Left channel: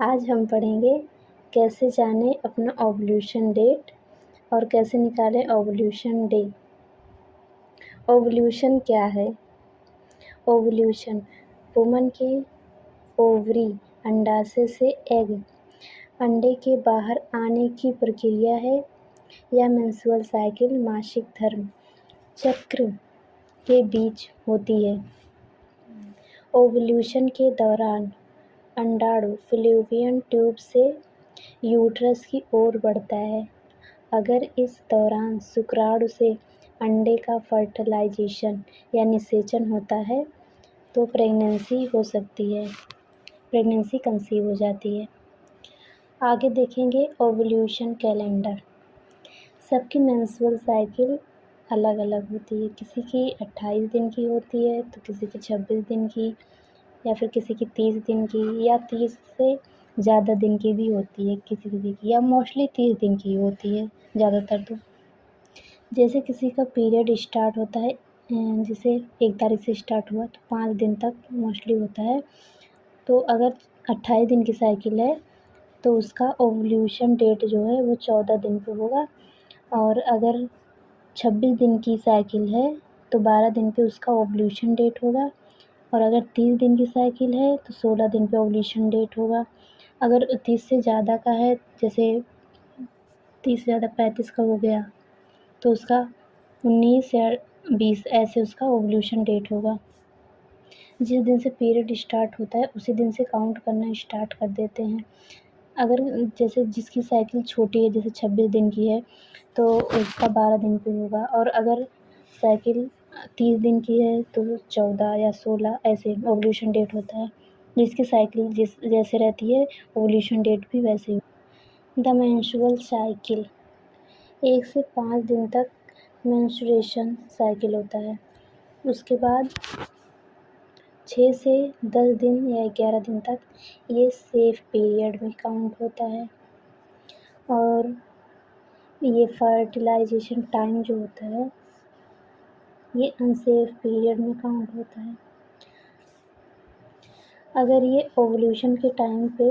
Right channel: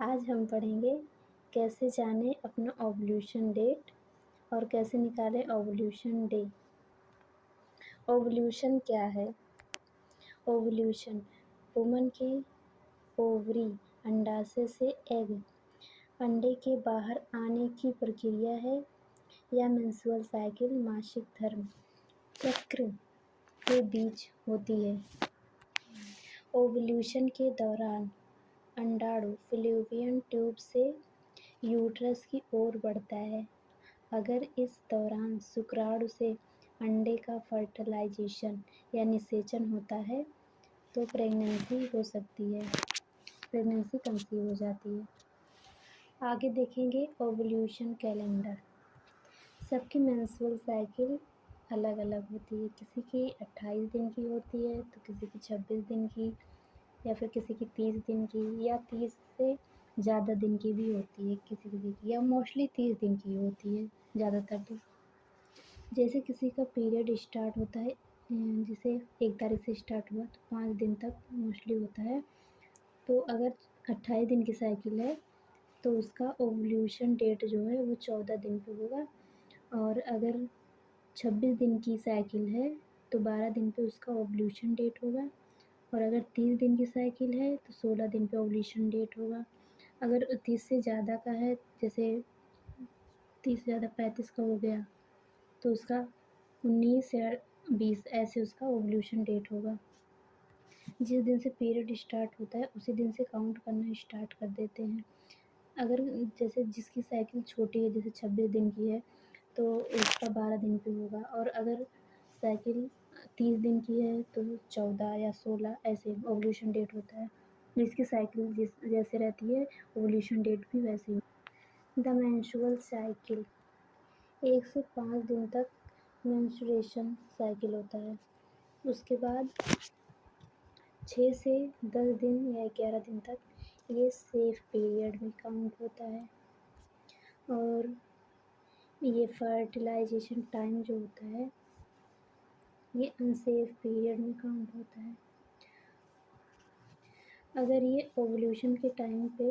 आज हम पढ़ेंगे कैसे जानें अपना ओव्यूलेशन डेट और कैसे निकालें ओव्यूलेशन डे। ओव्यूलेशन क्या है? ओव्यूलेशन वुमन के ओवरी अंडाशय से एग अंडे के बाहर आने की प्रक्रिया है या मेंस्ट्रुअल साइकिल मासिक धर्म चक्र के बीच होती है। ओव्यूलेशन के दौरान अंडाणु फैलोपियन ट्यूब से यूट्रस की ओर बढ़ता है। अगर इस दौरान शुक्राणु से अंडे का फर्टिलाइजेशन या निषेचन होता है तो प्रेगनेंसी हो सकती है, प्रेगनेंसी कंसीव हो जाती है। आगे देखेंगे ओव्यूलेशन कैलेंडर। सबकी मेंस्ट्रुअल साइकिल अलग अलग होती है। किसी की 28 दिन की होती है तो किसी की 26 दिन की या फिर किसी की 30 दिन की या 30 से ज़्यादा दिन की भी होती है किसी किसी की, या मोस्टली 30 दिन की होती है ज़्यादातर। तो जैसे किसी का पीरियड स्टार्ट होता है, जैसे 1 तारीख से स्टार्ट हुआ तो 5 दिन तक मोस्टली होता है। तो अगर 28 दिन की साइकिल है तो उसका ओव्यूलेशन डेट जो है वो 14 दिन पे होगा, और अगर 26 दिन की साइकिल है तो 12 दिन पे उसका ओव्यूलेशन डेट होगा, और अगर 30 दिन की साइकिल है तो 16 दिन पे ओव्यूलेशन डेट होगा। अगर 30 से ज़्यादा का है, जैसे 30 से ज़्यादा 35 का हो गया तो उसका 19 या 20 ऐसे उसका ओव्यूलेशन डेट होगा। जिस दिन से पीरियड स्टार्ट होता है उसी दिन से काउंट करना स्टार्ट कर देते हैं। अगर जैसे जिसकी साइकिल छोटी है, जैसे 26 दिन की है तो उसका 12 दिन पे होगा, और अगर साइकिल 30 दिन की है तो 14 या 16 ऐसे ओव्यूलेशन डेट होता है। जिसकी साइकिल जैसे रहती है ओव्यूलेशन डेट भी वैसे ही। द मेंस्ट्रुअल साइकिल 1 से 5 दिन तक मेंस्ट्रुएशन साइकिल होता है। उसके बाद 6 से 10 दिन या 11 दिन तक ये सेफ पीरियड में काउंट होता है, और ये फर्टिलाइजेशन टाइम जो होता है ये अनसेफ पीरियड में काउंट होता है। अगर ये ओव्यूलेशन के टाइम पे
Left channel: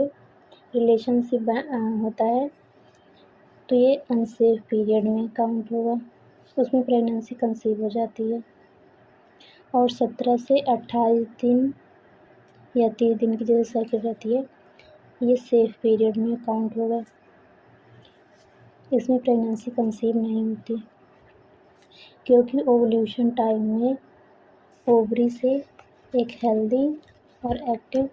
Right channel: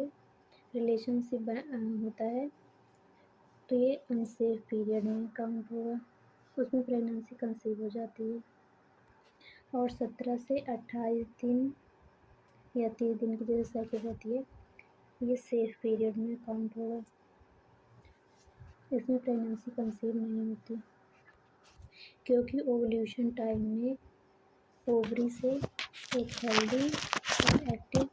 रिलेशनशिप होता है तो ये अनसेफ पीरियड में काउंट होगा, उसमें प्रेगनेंसी कंसीव हो जाती है। और 17 से 28 दिन या 30 दिन की जैसे साइकिल रहती है ये सेफ पीरियड में काउंट होगा, इसमें प्रेगनेंसी कंसीव नहीं होती, क्योंकि ओव्यूलेशन टाइम में ओवरी से एक हेल्दी और एक्टिव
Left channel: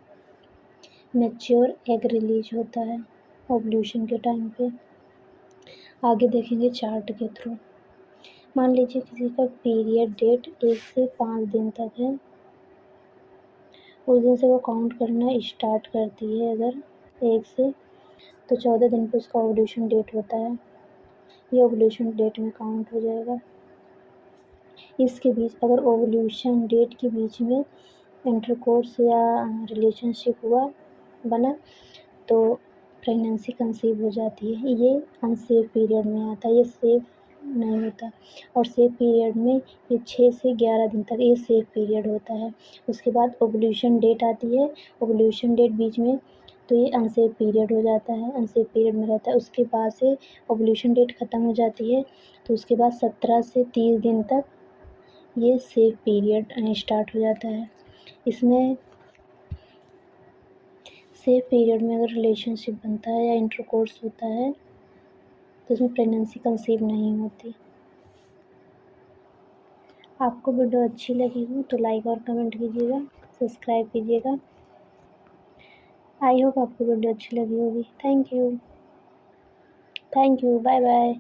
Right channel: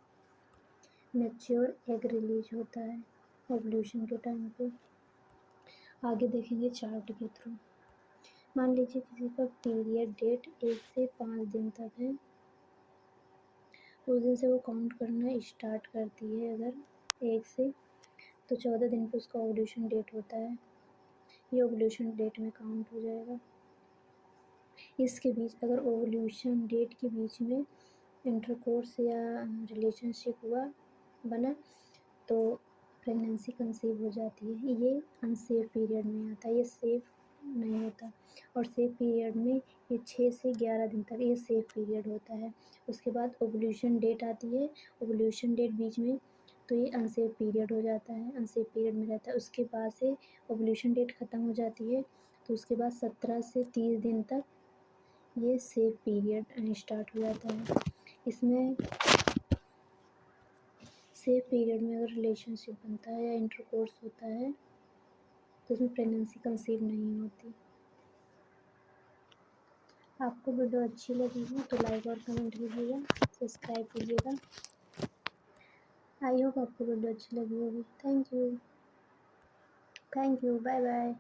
मैच्योर एग रिलीज होता है ओव्यूलेशन के टाइम पे। आगे देखेंगे चार्ट के थ्रू। मान लीजिए किसी का पीरियड डेट 1 से 5 दिन तक है, उस दिन से वो काउंट करना स्टार्ट करती है। अगर 1 से तो 14 दिन पे उसका ओव्यूलेशन डेट होता है, ये ओव्यूलेशन डेट में काउंट हो जाएगा। इसके बीच अगर ओव्यूलेशन डेट के बीच में इंटरकोर्स या रिलेशनशिप बना तो प्रेगनेंसी कंसीव हो जाती है। ये अनसेफ पीरियड में आता है, ये सेफ नहीं होता। और सेफ पीरियड में ये 6 से 11 दिन तक ये सेफ पीरियड होता है। उसके बाद ओव्यूलेशन डेट आती है, ओव्यूलेशन डेट बीच में तो ये अनसेफ पीरियड हो जाता है, अनसेफ पीरियड में रहता है। उसके बाद से ओव्यूलेशन डेट ख़त्म हो जाती है तो उसके बाद 17 से 30 दिन तक ये सेफ पीरियड स्टार्ट हो जाता है। इसमें सेफ पीरियड में अगर रिलेशनशिप बनता है या इंटरकोर्स होता है तो इसमें प्रेगनेंसी कंसीव नहीं होती। आपको वीडियो अच्छी लगी हो तो लाइक और कमेंट कीजिएगा, सब्सक्राइब कीजिएगा। आई होप आपको वीडियो अच्छी लगी होगी। Thank you, bye bye.